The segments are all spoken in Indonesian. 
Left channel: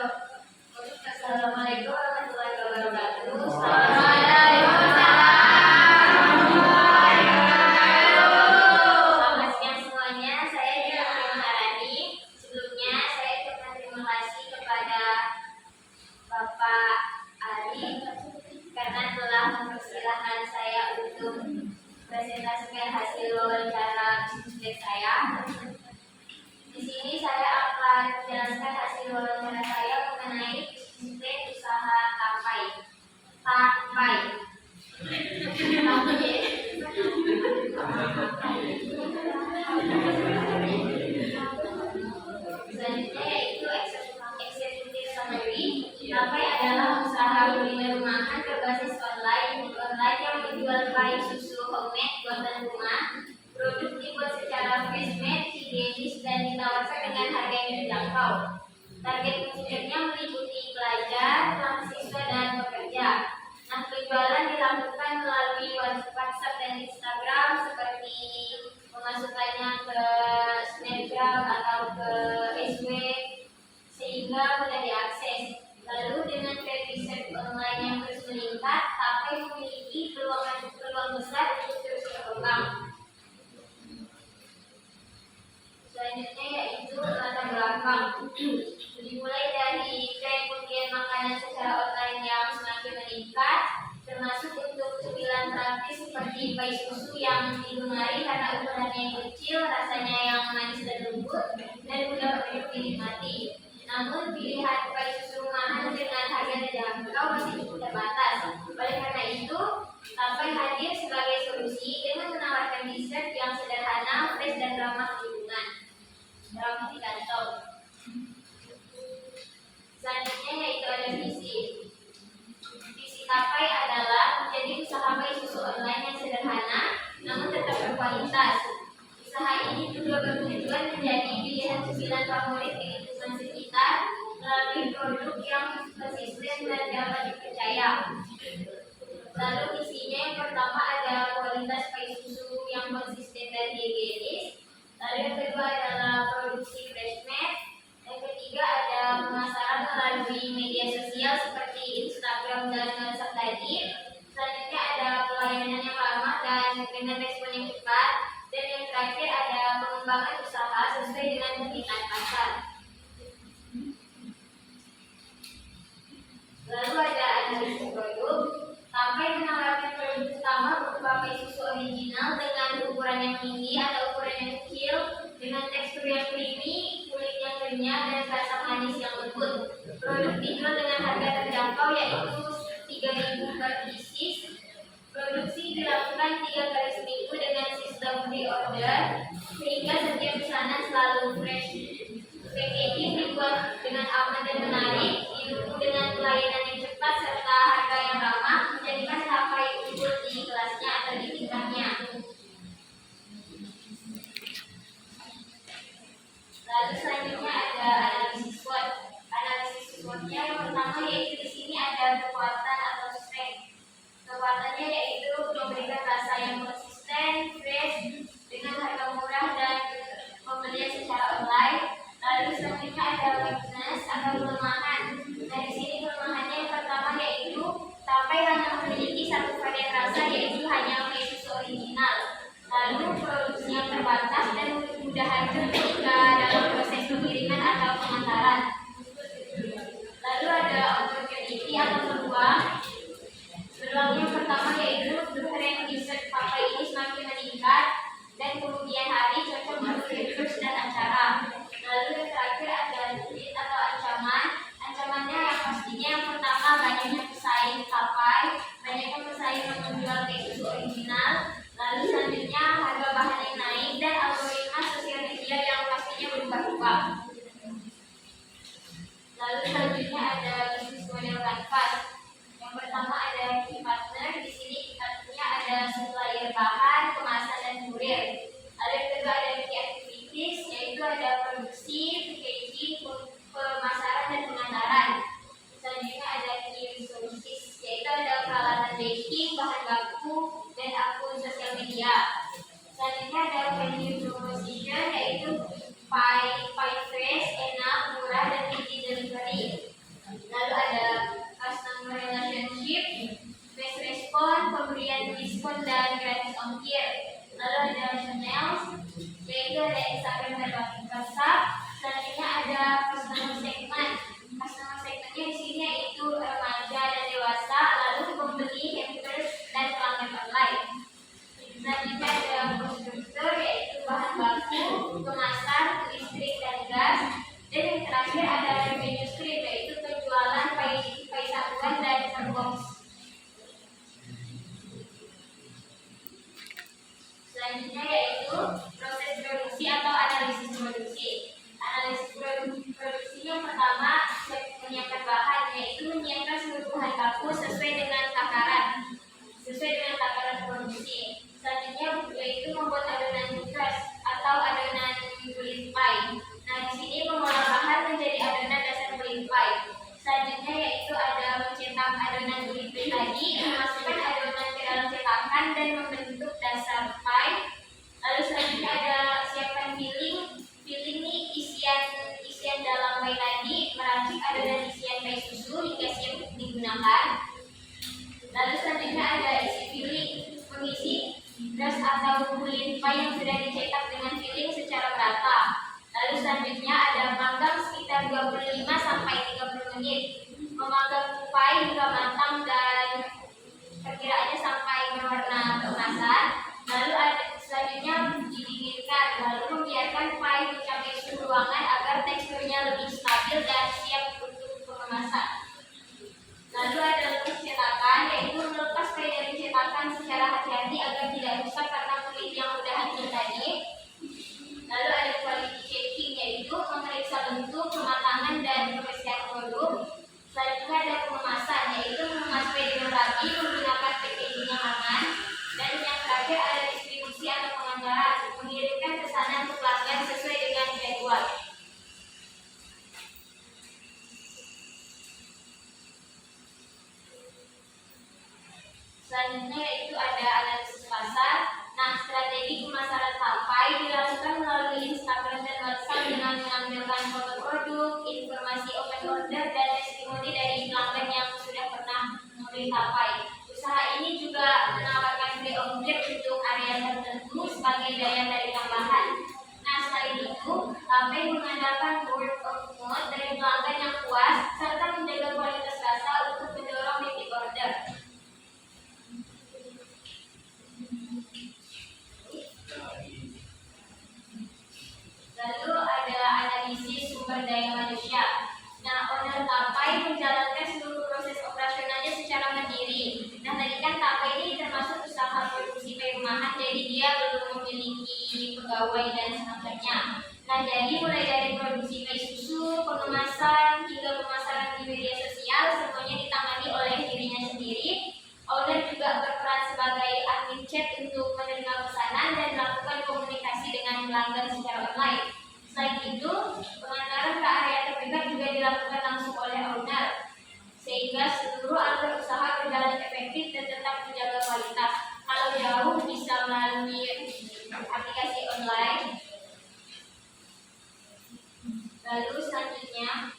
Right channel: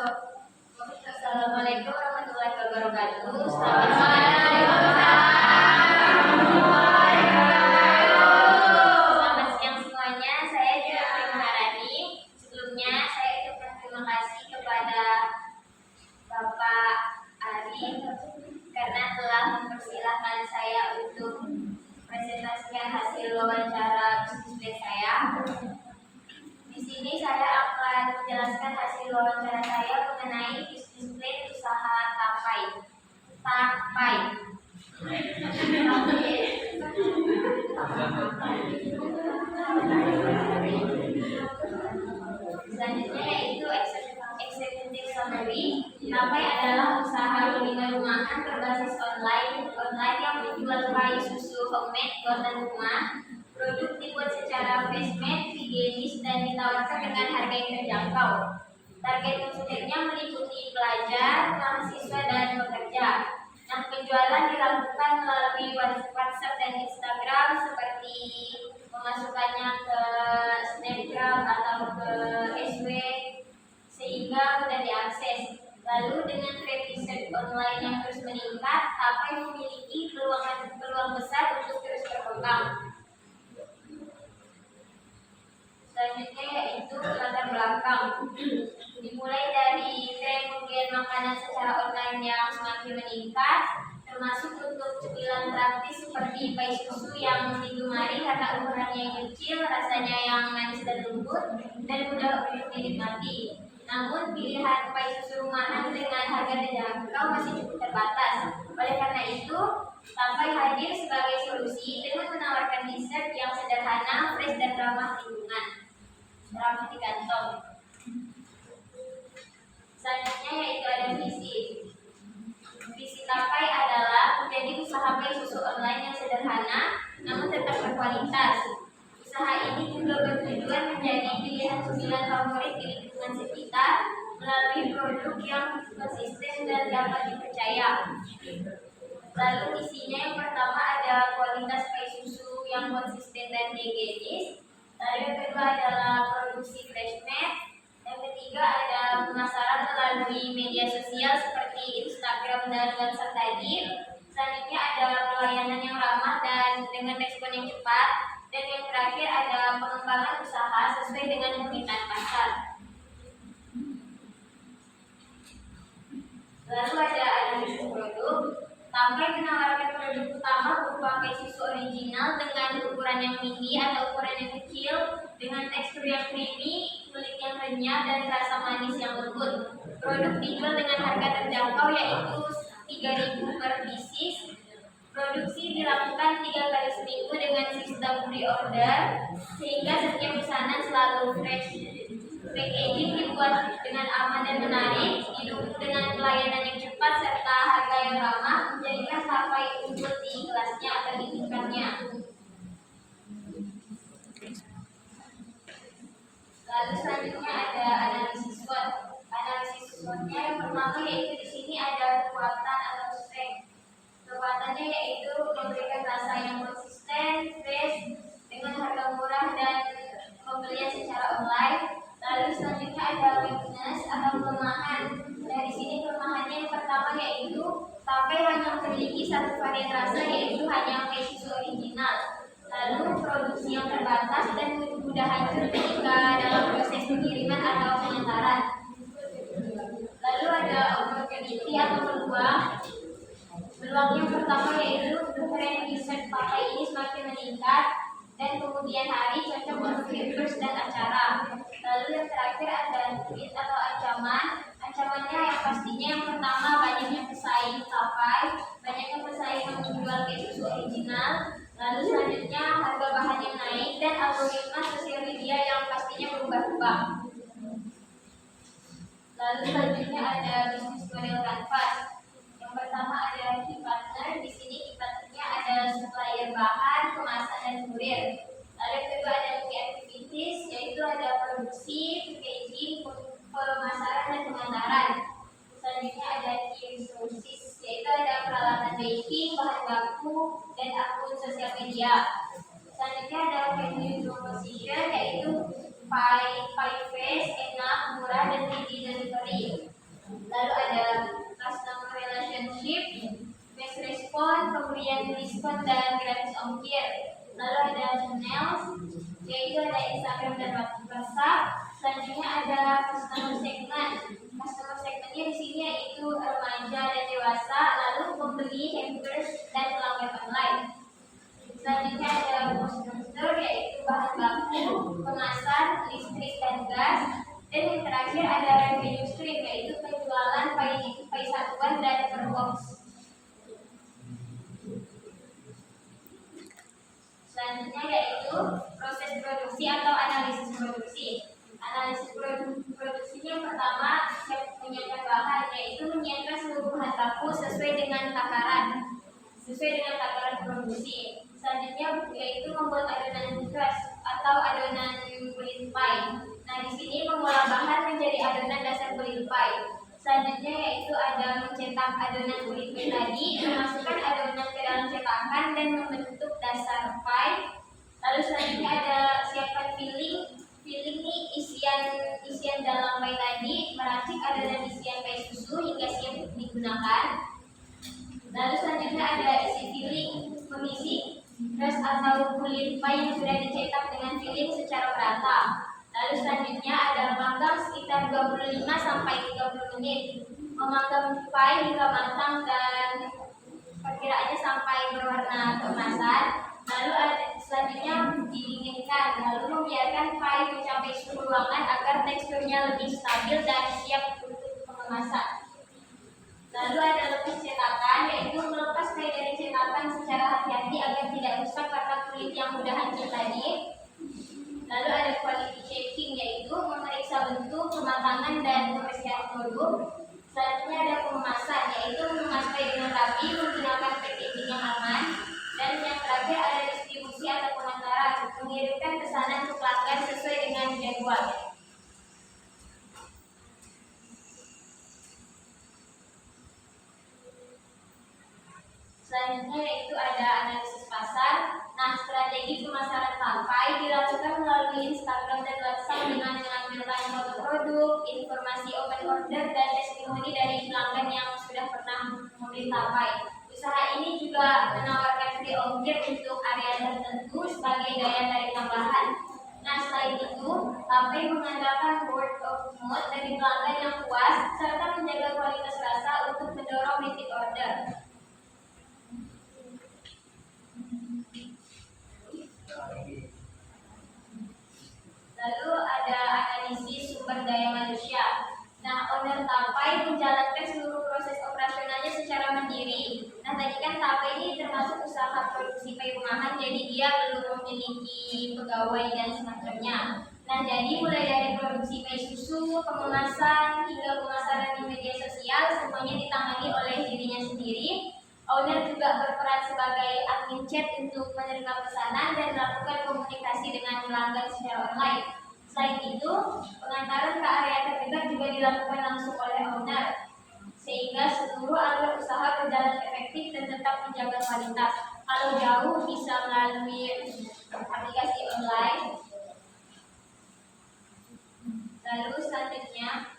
Assalamualaikum warahmatullahi wabarakatuh. Selamat siang semuanya. Saya Jurnati Maharani. Sebelumnya saya ucapkan terima kasih kepada Bapak Ari karena telah mempersilahkan saya untuk presentasikan hasil wawancara bisnis saya. Di sini saya akan menjelaskan hasil wawancara saya mengenai bisnis plan usaha Tapai. Selanjutnya yaitu executive summary. Tapai adalah usaha kuliner rumahan berbasis online yang menjual pai susu homemade buatan rumah. Produk dibuat secara fresh-made, higienis, dan ditawarkan dengan harga yang terjangkau. Target konsumennya meliputi pelajar, mahasiswa, dan pekerja. Nah, penjualan dilakukan melalui WhatsApp dan Instagram seperti memasukkannya ke Snapgram atau ke SW sehingga mudah diakses. Lalu dengan tren riset online yang terus meningkat, Tapai memiliki peluang besar untuk terus berkembang. Selanjutnya yaitu latar belakang. Dimulai dari tren pembelian makanan secara online yang semakin meningkat, termasuk untuk cemilan praktis seperti pai susu yang digemari karena ukurannya yang kecil, rasanya yang manis dan lembut, dan mudah untuk dinikmati. Namun pilihan pai susu rumahan dengan harga terjangkau masih cukup terbatas. Oleh karena itu, Tapai hadir sebagai solusi dengan menawarkan dessert yang sederhana, fresh, dan ramah lingkungan. Ramah di kantong. Selanjutnya yaitu ada visi. Visi Tapai adalah menjadi usaha pai susu online yang sederhana namun tetap berkualitas. Usaha ini juga bertujuan menjadi pilihan cemilan favorit di lingkungan sekitar melalui produk yang konsisten dan dapat dipercaya. Lalu isinya yang pertama ada kualitas pai susu yang konsisten dan higienis. Lalu yang kedua adalah produksi fresh-made. Yang ketiga ada pemasaran melalui media sosial seperti Instagram dan WhatsApp tadi. Selanjutnya ada pelayanan yang ramah dan dengan respon yang cepat. Dan yang terakhir ada pengembangan usaha sesuai dengan permintaan pasar. Lalu ada analisis produk. Tapai menawarkan produk utama berupa pai susu original dengan ukuran yang mini atau ukuran yang kecil dengan tekstur yang creamy, kulit yang renyah, dan rasa manis yang lembut. Produk dijual dengan harga terjangkau yaitu 3.000 per pieces. Produksi dilakukan 3 kali seminggu dengan sistem pre-order sehingga setiap pesanan selalu fresh. Packaging dibuat dengan aman dan menarik, didukung dengan pelayanan yang cepat serta harga yang ramah, menjadikan Tapai unggul di kelasnya atau di tingkatnya. Lalu selanjutnya ada analisis SWOT. Analisis SWOT-nya yang pertama yaitu di sini ada kekuatan atau strength. Kekuatannya yaitu memberikan rasa yang konsisten, fresh, dengan harga murah dan pembelian secara online. Lalu selanjutnya ada weakness atau kelemahan. Nah di sini kelemahannya yang pertama yaitu Tapai hanya memiliki satu varian rasa yaitu hanya pai susu original. Lalu produksi yang terbatas dan mudah hancur ketika dalam proses pengiriman atau pengantaran. Lalu ada opportunity atau peluang. Peluang yang pertama yaitu tren riset Tapai ini semakin meningkat dan kemudian hari cocok untuk events dan acara. Lalu yang terakhir ada threat atau ancaman. Ancamannya yang pastinya yang pertama banyaknya pesaing Tapai, banyaknya pesaing yang menjual pai susu original. Lalu selanjutnya harga bahan yang naik dan algoritma sosial media yang pastinya berubah-ubah. Lalu selanjutnya ada bisnis model kanvas. Yang pertama ada key partner. Di sini key partnernya ada supplier bahan, kemasan, dan kurir. Lalu yang kedua ada key activities, yaitu ada produksi, packaging, pemasaran, dan pengantaran. Selanjutnya ada key resources, yaitu ada peralatan baking, bahan baku, dan akun sosial media. Selanjutnya ada venue proposition, yaitu pai fresh, enak, murah, dan easy delivery. ongkir. Lalu ada channel, yaitu ada Instagram dan WhatsApp. Selanjutnya ada customer segment. Customer segmentnya di sini yaitu remaja dan dewasa, lalu pembeli, hampers, dan pelanggan online. Selanjutnya ada konstruktor, yaitu bahan baku, kemasan, listrik dan gas. Dan yang terakhir ada revenue stream, yaitu penjualan pai satuan dan per box. Selanjutnya yaitu proses produksi atau analisis produksi. Analisis produksi yang pertama menyiapkan bahan, yaitu menyiapkan seluruh bahan baku sesuai dengan takaran produksi. Selanjutnya yaitu membuat adonan crust atau adonan kulit pie. Nah, di sini mengolah bahan menjadi adonan dasar kulit pie. Selanjutnya yaitu ada mencetak adonan kulit pie tadi, memasukkan adonan ke dalam cetakan dan membentuk dasar pie. Lalu selanjutnya ada siapkan filling. Filling ini isian dalam pie tadi, meracik adonan isian pie susu hingga siap digunakan. Lalu selanjutnya ada isi filling, mengisi crust atau kulit pie yang sudah dicetak dengan filling secara merata. Lalu selanjutnya ada manggang sekitar 25 sampai 30 menit. Memanggang pie hingga matang dan perkiraannya sampai berwarna keemasan. Lalu selanjutnya didinginkan, lalu membiarkan pie mencapai suhu ruangan agar teksturnya lebih stabil dan siap untuk pengemasan. Lalu ada lepas cetakan, yaitu melepas pie dari cetakan secara hati-hati agar tidak rusak karena kulit yang mudah hancur tadi. Lalu ada quality checking, yaitu memeriksa bentuk, kematangan, dan kebersihan produk. Selanjutnya ada pengemasan, yaitu mengemas pie dengan rapi menggunakan packaging yang aman. Dan yang terakhir ada distribusi atau pengantaran, mengirimkan pesanan ke pelanggan sesuai dengan jadwal. Selanjutnya yaitu ada analisis pasar. Nah, strategi pemasaran sampai dilakukan melalui Instagram dan WhatsApp dengan menampilkan foto produk, informasi open order, dan testimoni dari pelanggan yang sudah pernah membeli tapai. Usaha ini juga menawarkan free ongkir untuk area tertentu sebagai daya tarik tambahan. Nah, selain itu, tapai mengandalkan word of mouth dari pelanggan yang puas serta menjaga kualitas rasa untuk mendorong repeat order. Lalu ada analisis sumber daya manusia. Nah, owner tapai menjalankan seluruh proses operasionalnya secara mandiri. Nah, tadi kan tapai ini termasuk usaha produksi pie rumahan, jadi dia belum memiliki pegawai dan semacamnya. Nah, jadi mulai dari produksi pie susu, pengemasan, hingga pemasaran di media sosial, semuanya ditangani oleh dirinya sendiri. Owner juga berperan sebagai admin chat untuk menerima pesanan dan melakukan komunikasi dengan pelanggan secara online. Selain itu, pengantaran ke area terdekat juga dilakukan langsung oleh owner, sehingga seluruh alur usaha berjalan efektif dan tetap menjaga kualitas. Kalau jauh bisa melalui aplikasi online. Lalu selanjutnya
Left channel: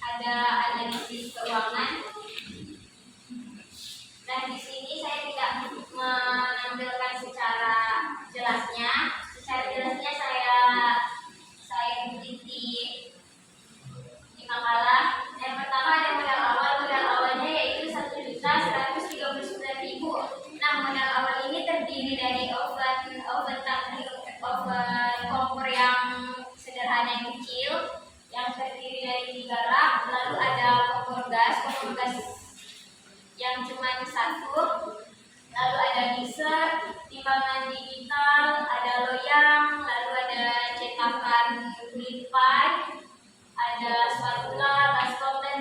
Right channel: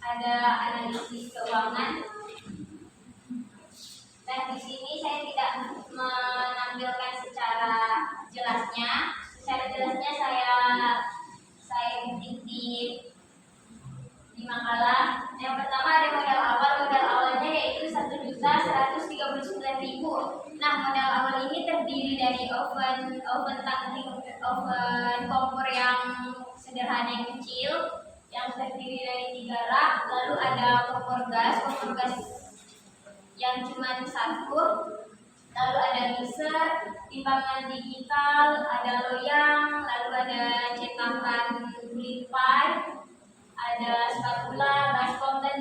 ada analisis keuangan. Nah, di sini saya tidak menampilkan secara jelasnya. Secara jelasnya saya kutip di makalah. Yang pertama ada modal awal. Modal awalnya yaitu 1.139.000. Nah, modal awal ini terdiri dari oven kompor yang sederhana yang kecil, yang terdiri dari 3 rak. Lalu ada kompor gas yang cuma 1. Lalu ada mixer, timbangan digital, ada loyang, lalu ada cetakan kulit pie, ada spatula, baskom, dan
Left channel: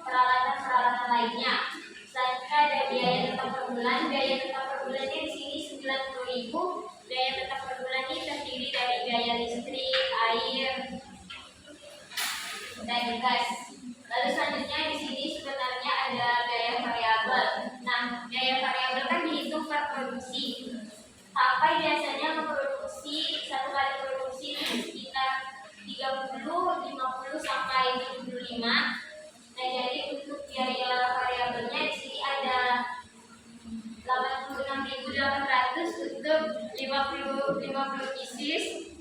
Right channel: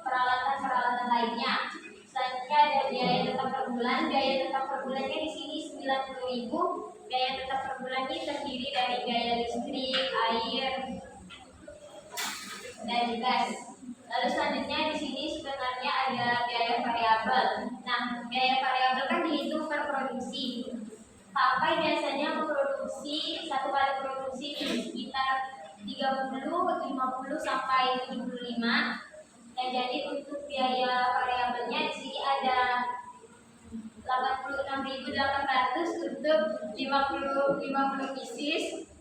peralatan-peralatan lainnya. Selanjutnya ada biaya tetap per bulan. Biaya tetap per bulannya di sini 90.000. Biaya tetap per bulan ini terdiri dari biaya listrik, air, dan gas. Lalu selanjutnya di sini sebenarnya ada biaya variabel. Nah, biaya variabel kan dihitung per produksi. Tapai biasanya memproduksi satu kali produksi sekitar 30, 50 sampai 75. Nah, jadi untuk biaya variabelnya di sini ada 86.000 50 pieces.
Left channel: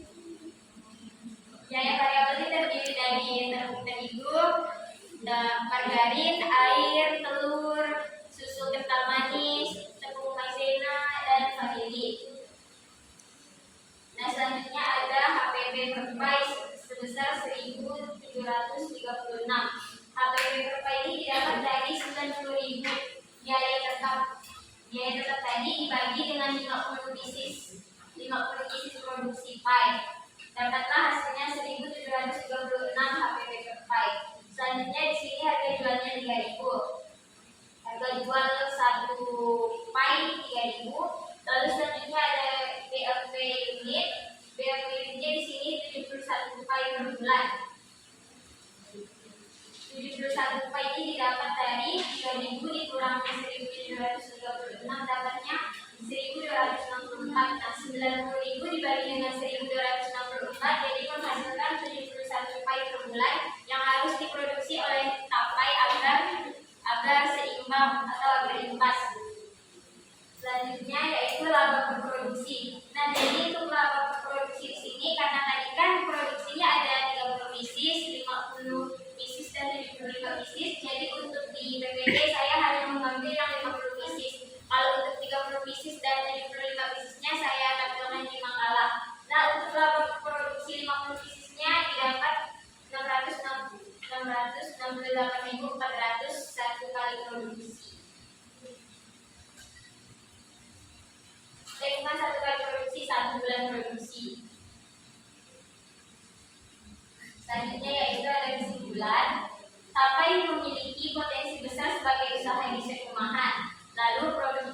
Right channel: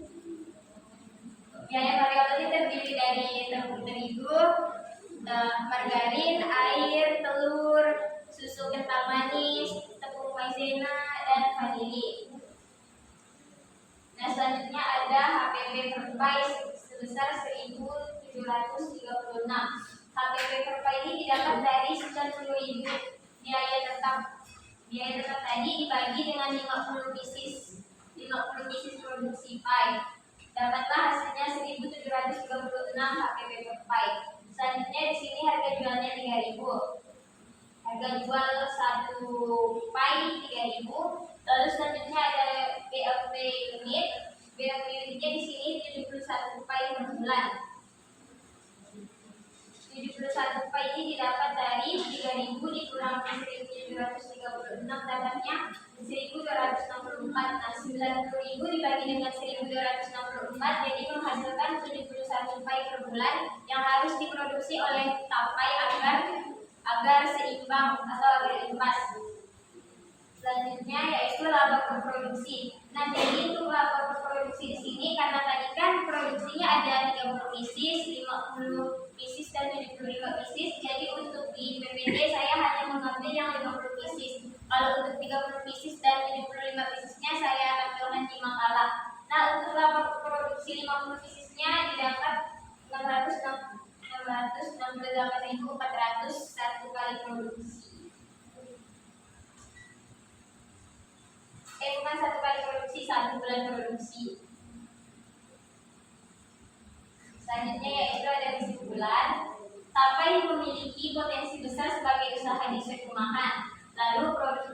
Biaya variabelnya terdiri dari tepung terigu, margarin, air, telur, susu kental manis, tepung maizena, dan vanili. Nah, selanjutnya ada HPP per pie sebesar 1.736. HPP per pie ini didapat dari 90.000. Biaya tetap tadi dibagi dengan 50 pieces produksi pie. Dapatlah hasilnya 1.736 HPP per pie. Selanjutnya di sini harga jualnya 3.000. Harga jual satu pie 3.000. Lalu selanjutnya ada BLT unit. BLT unitnya di sini 71 pie per bulan. 71 pie ini didapat dari 3.000 dikurangi 1.736, dapatnya 1.264. Nah, 90.000 dibagi dengan 1.264 jadi menghasilkan 71 pie per bulan yang harus diproduksi oleh tapai agar seimbang atau agar impas. Selanjutnya yaitu laba per produksi. Nah, jadi untuk laba per produksi di sini karena tadi kan produksinya ada 30 pieces, 50 pieces dan 75 pieces. Jadi untuk di PPT saya hanya mengambil yang 50 pieces. Kalau untuk 30 pieces dan 75 piecesnya saya tampilkan di makalah. Nah, untuk laba per produksi 50 piecesnya didapat 668.400 satu kali produksi. Bukan satu kali produksi, 1 bulan produksi. Selanjutnya yaitu ada kesimpulan. Tapai memiliki potensi besar sebagai usaha dessert rumahan. Lalu produk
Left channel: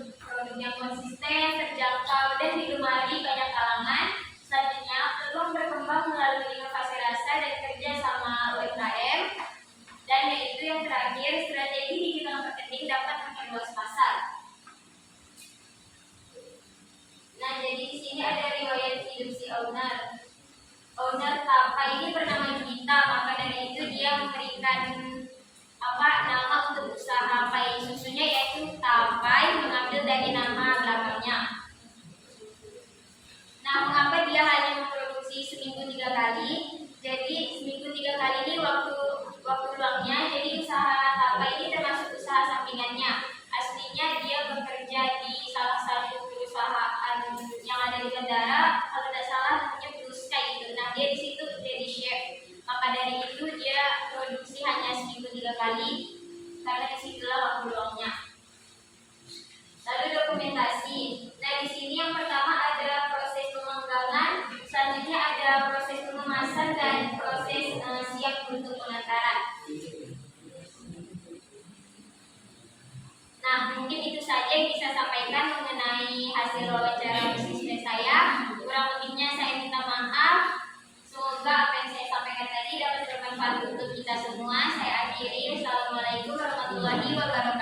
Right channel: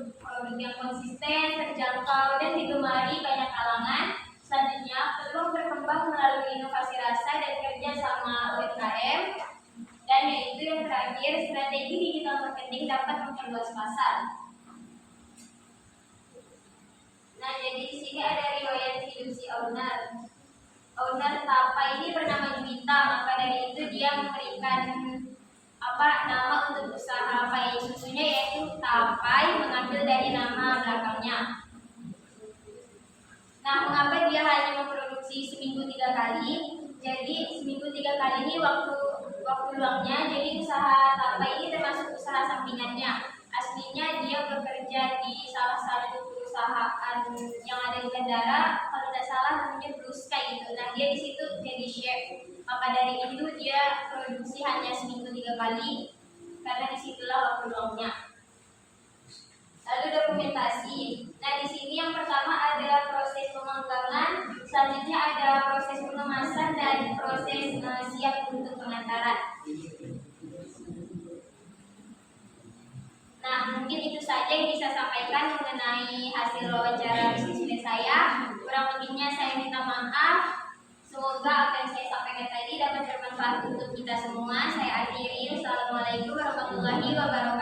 yang konsisten, terjangkau, dan digemari banyak kalangan. Selanjutnya peluang berkembang melalui inovasi rasa dan kerja sama UMKM. Dan yaitu yang terakhir, strategi digital marketing dapat memperluas pasar. Nah, jadi di sini ada riwayat hidup si owner. Owner Tapai ini bernama Gita, maka dari itu dia memberikan nama untuk usaha pai susunya yaitu Tapai, mengambil dari nama belakangnya. Nah, mengapa dia hanya memproduksi seminggu 3 kali? Jadi seminggu 3 kali ini waktu luangnya. Jadi usaha Tapai ini termasuk usaha sampingannya. Aslinya dia bekerja di salah satu perusahaan yang ada di Kendara, kalau tidak salah namanya Blue Sky gitu. Nah, dia di situ jadi chef. Maka dari itu dia produksi hanya seminggu 3 kali karena disitulah waktu luangnya. Lalu dokumentasi. Nah, di sini yang pertama ada proses pemanggangan, selanjutnya ada proses pengemasan dan proses siap untuk pengantaran. Nah, mungkin itu saja yang bisa sampaikan mengenai hasil wawancara bisnis saya. Kurang lebihnya saya minta maaf. Semoga apa yang saya sampaikan tadi dapat bermanfaat untuk kita semua. Saya akhiri. Wassalamualaikum warahmatullahi wabarakatuh.